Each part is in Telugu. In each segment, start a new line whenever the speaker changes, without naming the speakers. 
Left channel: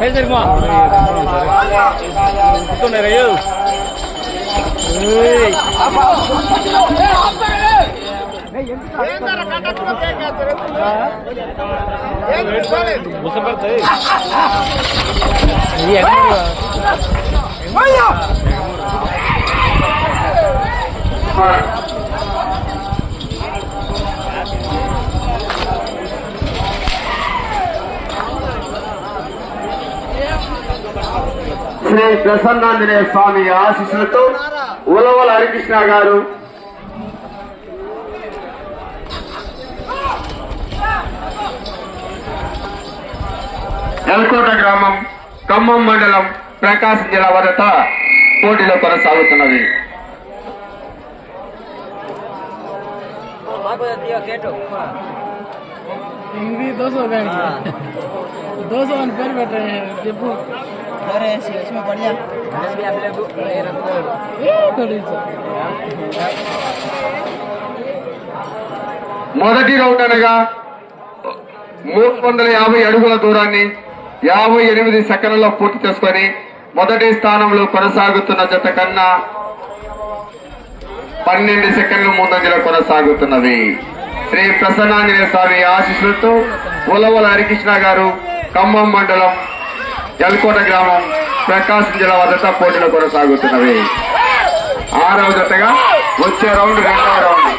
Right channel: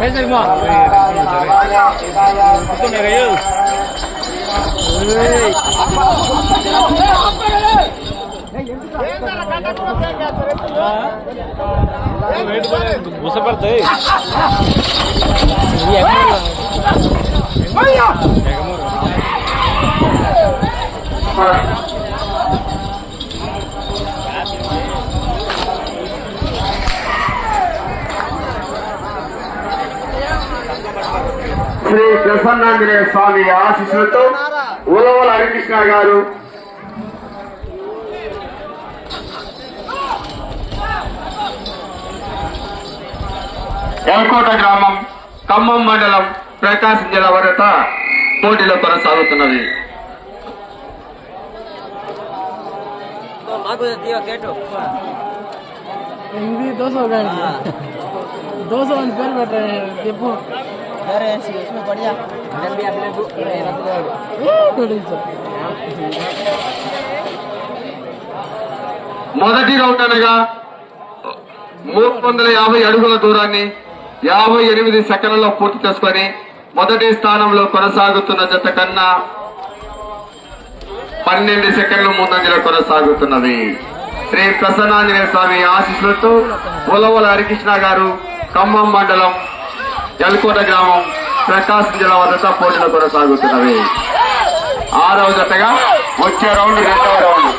Fez, irmão. Tudo bem, Raio? Você perdeu. E agora? Olha! Shri Prasannanjaneya స్వామి ఆశీస్సులతో ఉలవల హరికృష్ణ గారు ఎల్కోట గ్రామం ఖమ్మం మండలం ప్రకాశం జిల్లా వరట పోటీలో కొనసాగుతున్నది.
ఇది దోశ దోశ అని పేరు పెట్టాను చెప్పు.
अरे ऐसी उसमें बढ़िया
మొదటి రౌండ్ అనగా మూడు వందల యాభై అడుగుల దూరాన్ని యాభై ఎనిమిది సెకండ్లలో పూర్తి చేసుకొని మొదటి స్థానంలో కొనసాగుతున్న జత కన్నా పన్నెండు సెకండ్లు ముందంజలో కొనసాగుతున్నది శ్రీ ప్రసన్నాంజనేయ స్వామి ఆశీస్సులతో ఉలవల హరికృష్ణ గారు ఖమ్మం మండలం ఎల్కోట గ్రామం ప్రకాశం జిల్లా వద్ద పోటీలు కొనసాగుతున్నవి. ఆరవ జతగా వచ్చే రౌండ్ రెండవ రౌండ్.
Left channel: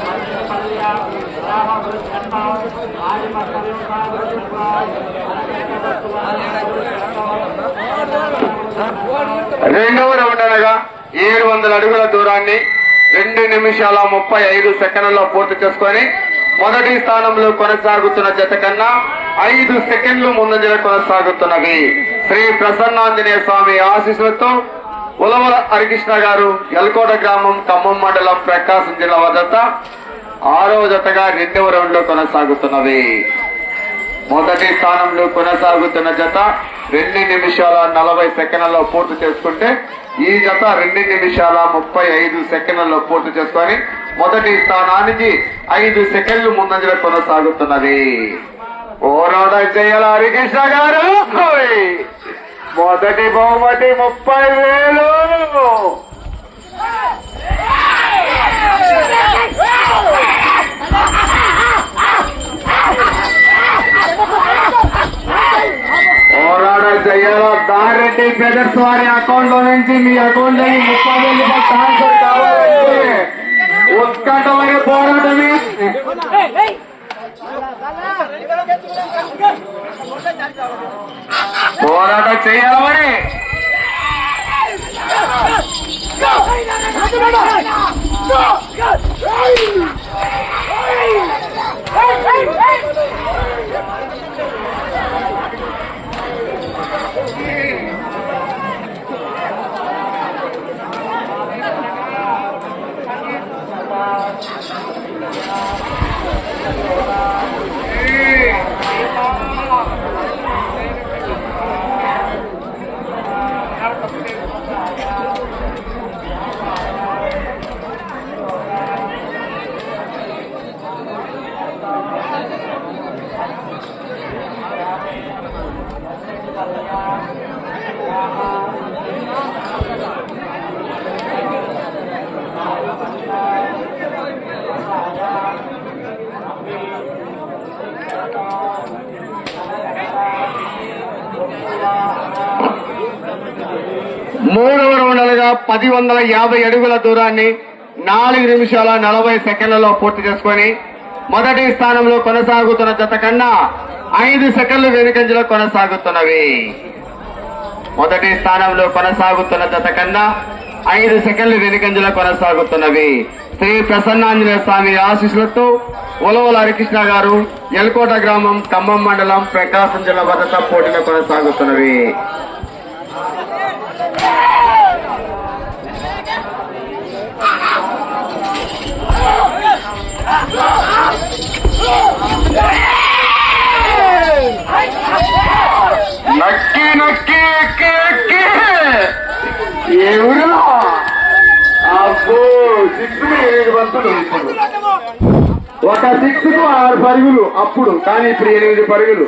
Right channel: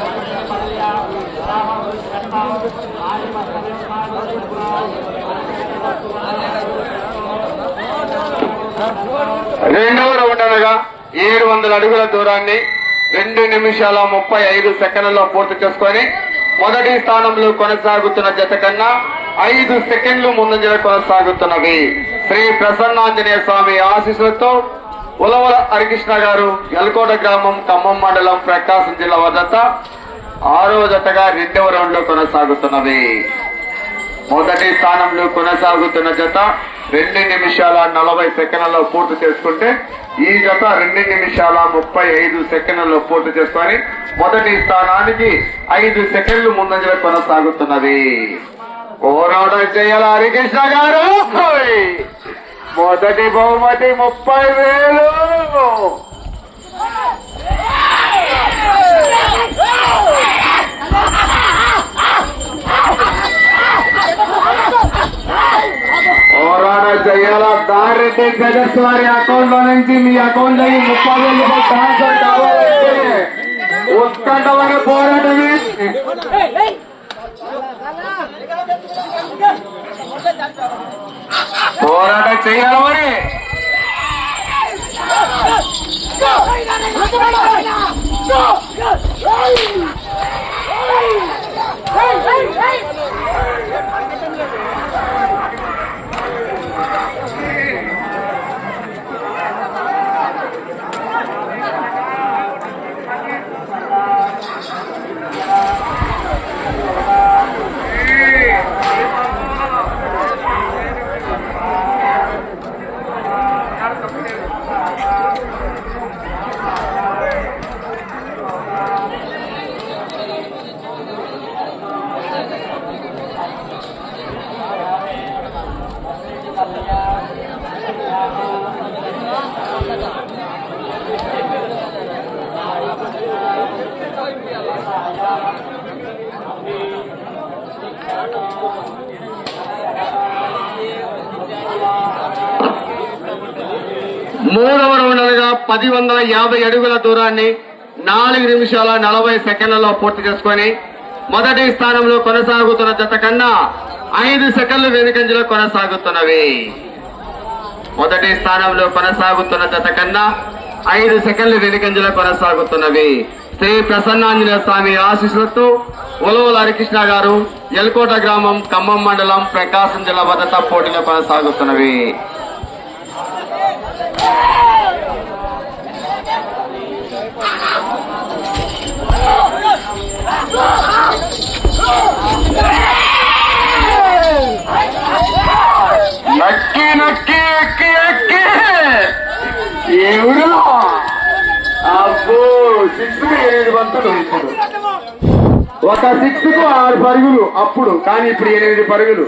రెండవ రౌండ్ అనగా ఏడు వందల అడుగుల దూరాన్ని రెండు నిమిషాల ముప్పై ఐదు సెకండ్లలో పూర్తి చేసుకొని మొదటి స్థానంలో కొనసాగుతున్న జత కన్నా ఐదు సెకండ్లు ముందంజలు కొనసాగుతున్నవి. శ్రీ ప్రసన్నాంజనేయ స్వామి ఆశీస్సులతో ఉలవల హరికృష్ణ గారు ఎల్కోట గ్రామం ఖమ్మం మండలం ప్రకాశం జిల్లా వద్ద ఆరో జతగా రెండవ రౌండ్లో కొనసాగుతున్నది. మొదటి స్థానంలో కొనసాగుతున్న జత రెండు నిమిషాల నలభై సెకండ్లలో పూర్తి చేసుకుంటే ఈ జత రెండు నిమిషాల ముప్పై ఐదు సెకండ్లలో పూర్తి చేసుకొని మొదటి స్థానానికి ఐదు సెకండ్లు ముందంజలో కొనసాగుతున్నది. ఓనోడ చేయాల హరికృష్ణ గారు! మొదటి బహుమతి ముప్పై వేలు! పోరాటం చేయాల బారెడ్డి బ్రదర్స్ వారి అకౌంట్లో నుంచి మీ అకౌంట్లో ముప్పై వేల రూపాయలు ట్రాన్స్ఫర్ కావాలంటే ఉత్కంఠమైన పోరాటమే. పోరాటం చేయాలి మరి. మూడవ రౌండ్ అనగా పది వందల యాభై అడుగుల దూరాన్ని నాలుగు నిమిషాల నలభై సెకండ్లలో పూర్తి చేసుకొని మొదటి స్థానంలో కొనసాగుతున్న జత కన్నా ఐదు సెకండ్లు వెనుకంజలో కొనసాగుతున్నవి. మొదటి స్థానంలో కొనసాగుతున్న జత కన్నా ఐదు సెకండ్లు వెనుకంజలో కొనసాగుతున్నవి. శ్రీ ప్రసన్నాంజనేయ స్వామి ఆశీస్సులతో ఉలవల హరికృష్ణ గారు ఎల్కోట గ్రామం ఖమ్మం మండలం ప్రకాశం జిల్లా భద్రత పోటీలో కొనసాగుతున్నవి. నక్కి నక్కి ఎక్కి ఎక్కి. ఎవరు అబ్బో సిక్స్ బంతులు ఇప్పుడు. ఒక సిక్స్కు ఆరు పరుగులు అప్పుడు కానీ ఇప్పుడు ఎనిమిది పరుగులు.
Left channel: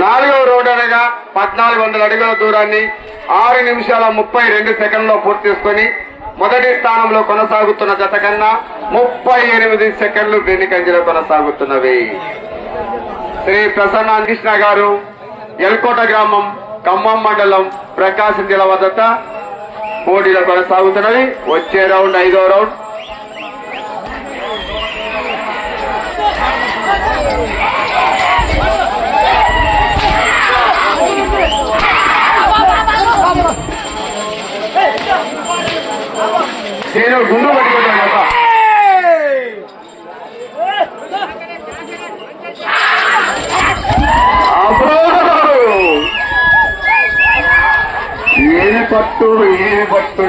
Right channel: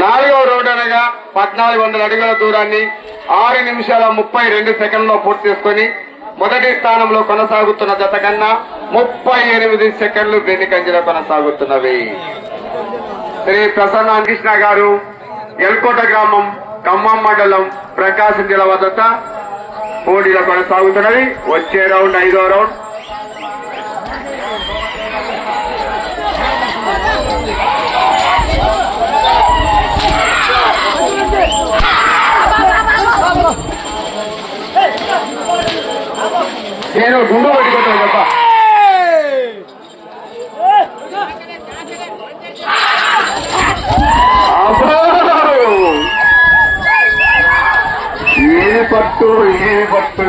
నాలుగవ రోడ్ అనగా పద్నాలుగు వందల అడుగుల దూరాన్ని ఆరు నిమిషాల ముప్పై రెండు సెకండ్లో పూర్తి చేసుకుని మొదటి స్థానంలో కొనసాగుతున్న జత కన్నా ముప్పై ఎనిమిది సెకండ్లు వెనుకంజలో కొనసాగుతున్నవి. శ్రీ ప్రసన్న కృష్ణ గారు ఎల్కోట గ్రామం ఖమ్మం మండలం ప్రకాశం జిల్లా వద్ద పోటీలో కొనసాగుతున్నవి వచ్చే రౌండ్ ఐదో రౌండ్. నేను గుండు పట్టుకుంటాను. ఏమి పట్టు ఏమి పట్టు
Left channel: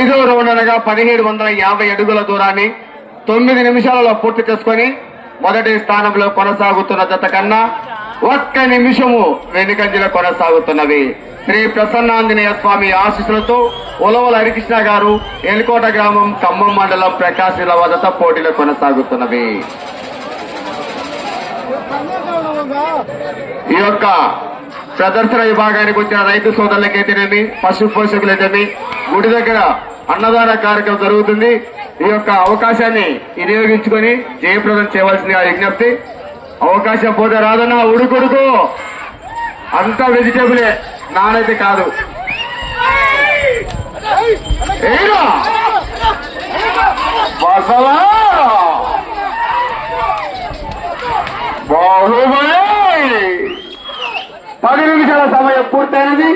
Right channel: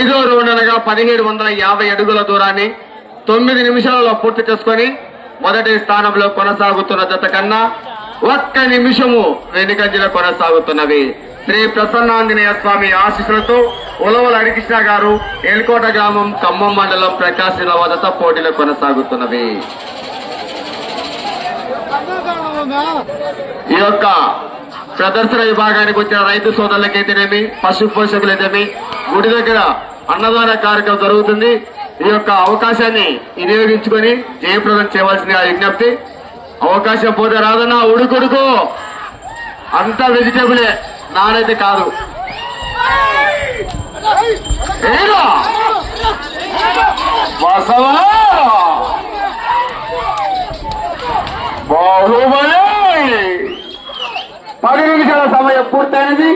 ఐదో రౌండ్ అనగా పదిహేడు వందల యాభై అడుగుల దూరాన్ని తొమ్మిది నిమిషాలలో పూర్తి చేసుకొని మొదటి స్థానంలో కొనసాగుతున్న జత కన్నా ఒక్క నిమిషము వెనుకంజలో కొనసాగుతున్నవి. శ్రీ ప్రసన్నాంజనేయ స్వామి ఆశీస్సులతో ఉలవల హరికృష్ణ గారు ఎల్కోట గ్రామం ఖమ్మం మండలం ప్రకాశిల వదత పోటీలో కొనసాగుతున్నవి. ఈ యొక్క ప్రదర్శన విభాగానికి వచ్చిన రైతు సోదరులకైతేనేమి పశు పోషకులైతేమి గుడి దగ్గర అన్నదాన కార్యక్రమం జరుగుతుంది. ఈ యొక్క అవకాశాన్ని వినియోగించుకొని జయప్రదం చేయవలసిందిగా విజ్ఞప్తి. అవకాశం పోతే రాదన్నా ఉడుకుడుకు. అంతా వెజిటేబులే నానైతే కాదు. బాహుబలి! పది నిమిషాల సమయం పూర్తయినది.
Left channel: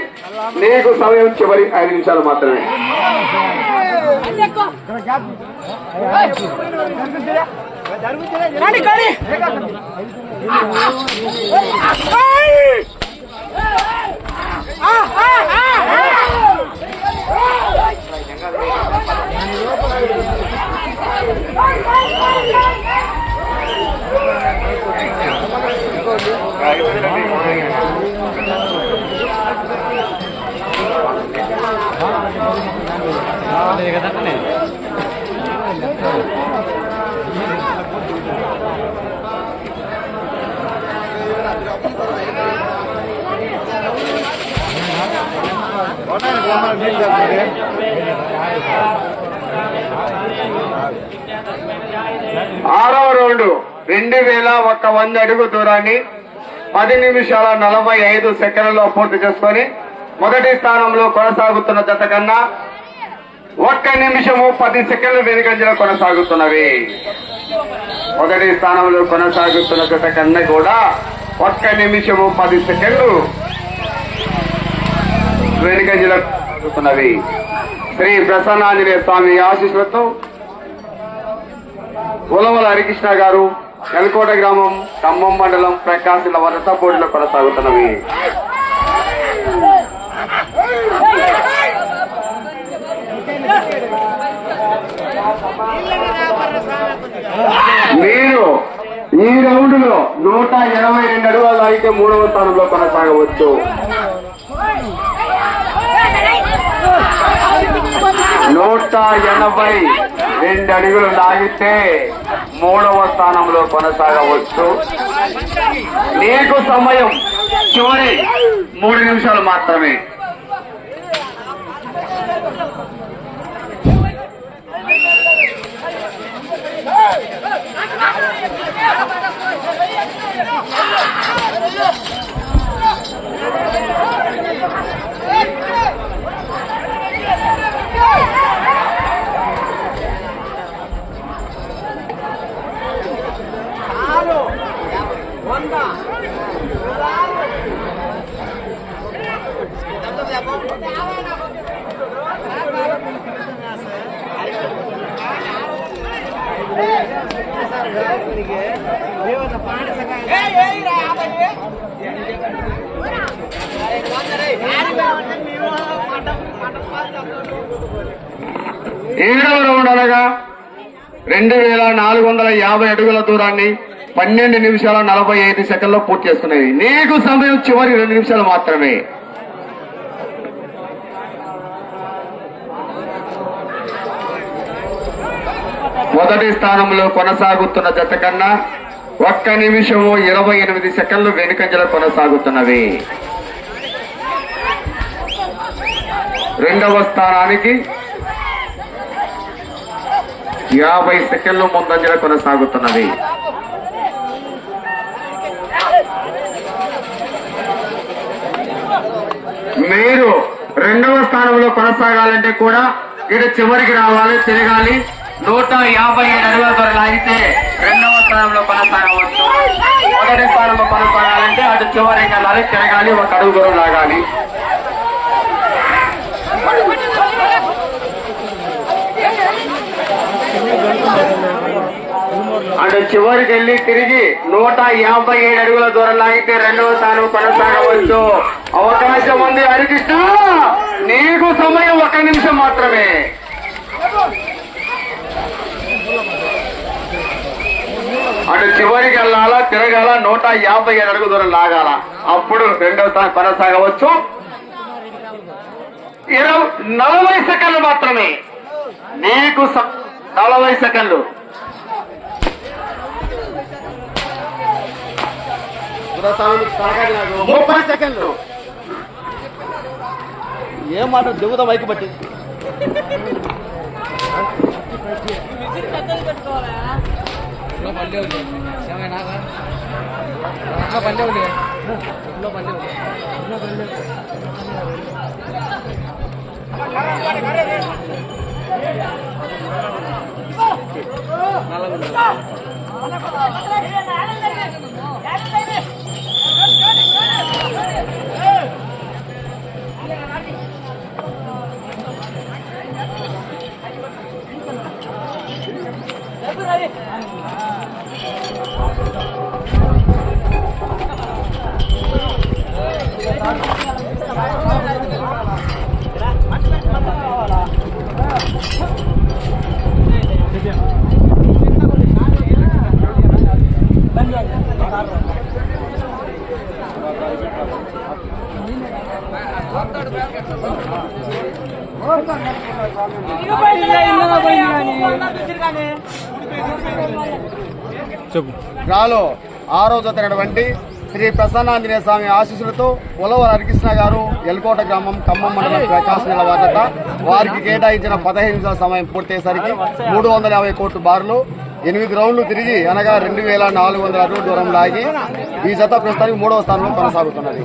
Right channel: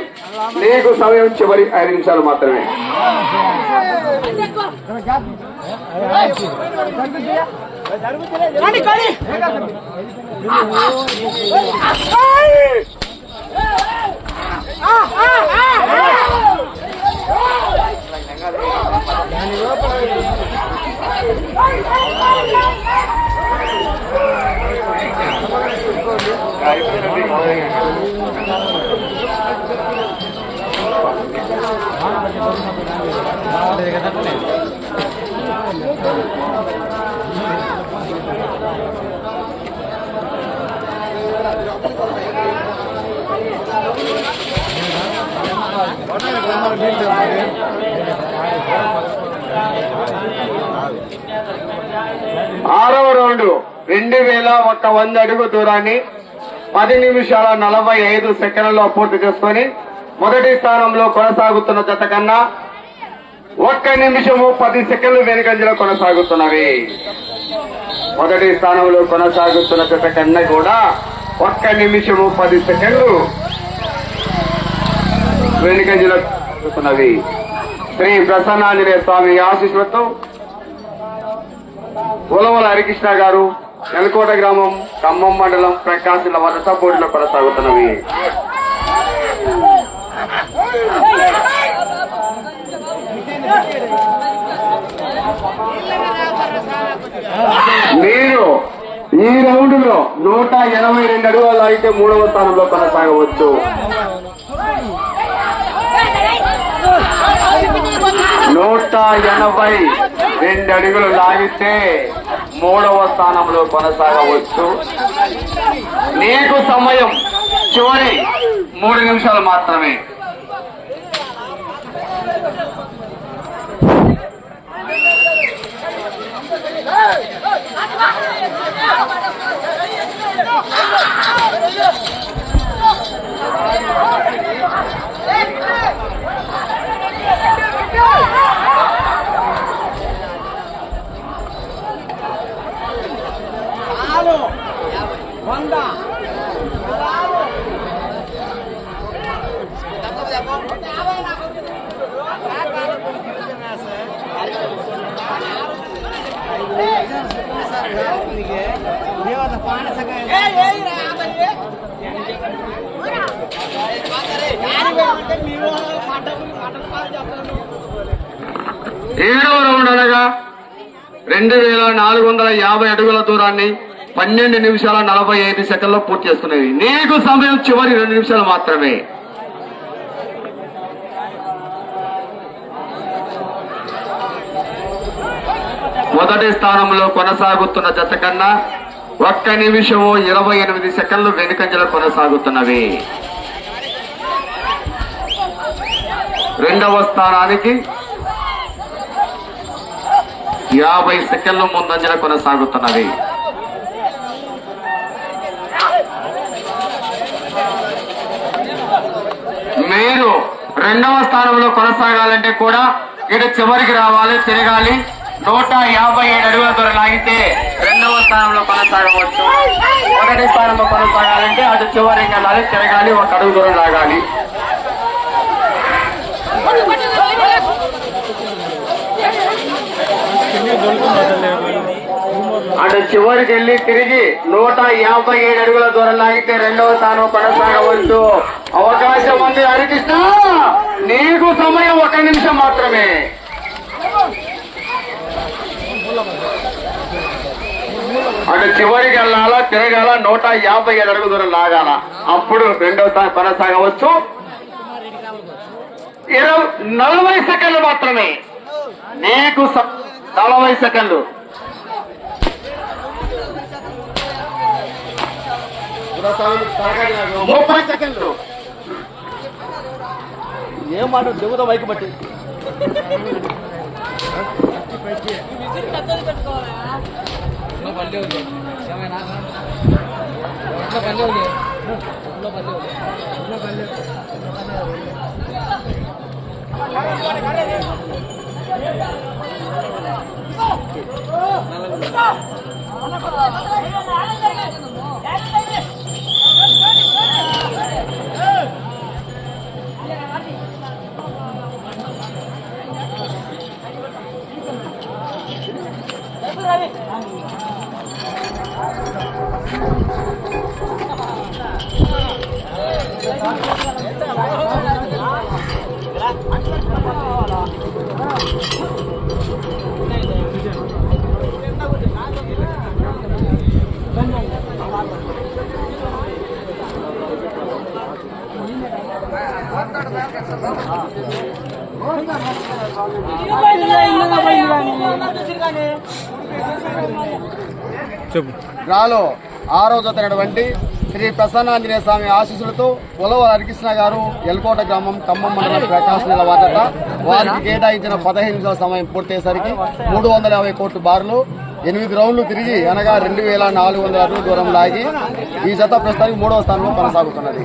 నీకు సమయం చివరి ఐదు నిమిషాలు మాత్రమే. Ah! ఆరవ రౌండ్ రెండు వేల ఒక్క వంద అడుగు దూరాన్ని పది నిమిషాల నలభై ఐదు సెకండ్లలో పూర్తి చేసుకుని మొదటి స్థానంలో కొనసాగుతున్న జత కన్నా ఒక్క నిమిషము పది సెకండ్లు వెనుకంజలో కొనసాగుతున్నవి. మొదటి స్థానంలో కొనసాగుతున్న జత కన్నా కూడా ఒక్క నిమిషము పది సెకండ్లు వెనుకంజల కొనసాగుతున్నవి శ్రీ ప్రసన్నాంజనేయ స్వామి ఆశీస్సులతో ఉలవల హరికృష్ణ గారు నెలకోట గ్రామం ఖమ్మం మండలం ప్రకాశిల వరస పోటీలో కొనసాగుతున్నవి. మీరు ఈ రౌండ్లో నూట ఎనభై రెండు అడుగులు అయితే మూడవ స్థానంలో కొనసాగవచ్చు. నూట ఎనభై రెండు అడుగులు లాగితే మూడవ స్థానంలో కొనసాగవచ్చు. నీకు సమయం చివరి మూడు నిమిషాలు మాత్రమే. ఏడవ రౌండ్ అనగా రెండు వేల నాలుగు వందల యాభై అడుగుల దూరాన్ని పన్నెండు నిమిషాల నలభై ఐదు సెకండ్లో పూర్తి చేసుకునేది నీకు సమయం చివరి రెండు నిమిషాలు మాత్రమే. మొదటి స్థానంలో కొనసాగుతున్న జత కన్నా ఒక్క నిమిషము ఇరవై ఎనిమిది సెకండ్లు వెనుకంజలో కొనసాగుతున్నవి. రెండవ స్థానానికి యాభై సెకండ్లు ముందంజల కొనసాగుతున్నది. మీరు రెండవ స్థానంలో కొనసాగాలంటే కూడా ఇటు చివరికి రావాలి తిరగాలి. నూట యాభై ఏడు అడుగుల దూరం అయితే రెండవ స్థానంలో కొనసాగవచ్చు. మొదటి స్థానంలో కొనసాగాలంటే అటు చివరికి వెళ్ళాలి తిరగాలి ఒక అడుగు దూరం లాగాలి. అటు చివరికి వెళ్ళి తిరిగి నూట యాభై ఏడు అడుగుల దూరం లాగితే రెండవ స్థానం కొనసాగవచ్చు. అవకాశం ఉంది హరికృష్ణ. నీకు సమయం ఒక నిమిషం మాత్రమే. అటు చివరికి వెళ్ళాలా తిరగాల నూట యాభై ఏడు అడుగు దూరం లాగాల. అప్పుడు రెండవ స్థానం కొనసాగవచ్చు. ఇరవై నలభై సెకండ్లు మాత్రమే. నీకు నలభై సెకండ్లు. ముప్పై సెకండ్లు
ఏం మాట దిగుతా బైక్ పట్టి ぐらい。
చెప్పు.
డ్రాలో ఆరో జతైనటువంటి
శ్రీ ప్రసన్నాంజనేయ స్వామి ఆశీస్సులతో ఉలవల హరికృష్ణ గారు ఎల్కోట గ్రామం ఖమ్మం మండలం ప్రకాశ్ నిలవాదట వారికి కేటాయించిన పదహైదు నిమిషాల సమయం పూర్తయ్యేసరికి మూడు వందల యాభై కోట్ల బార్లు ఎనిమిది రౌండ్లు తిరిగి అనగా రెండు వేల నాలుగు వందల అడుగుల దూరం లాగి ఈ జత ప్రస్తుతానికి మూడవ స్థానంలో కొనసాగుతున్నది.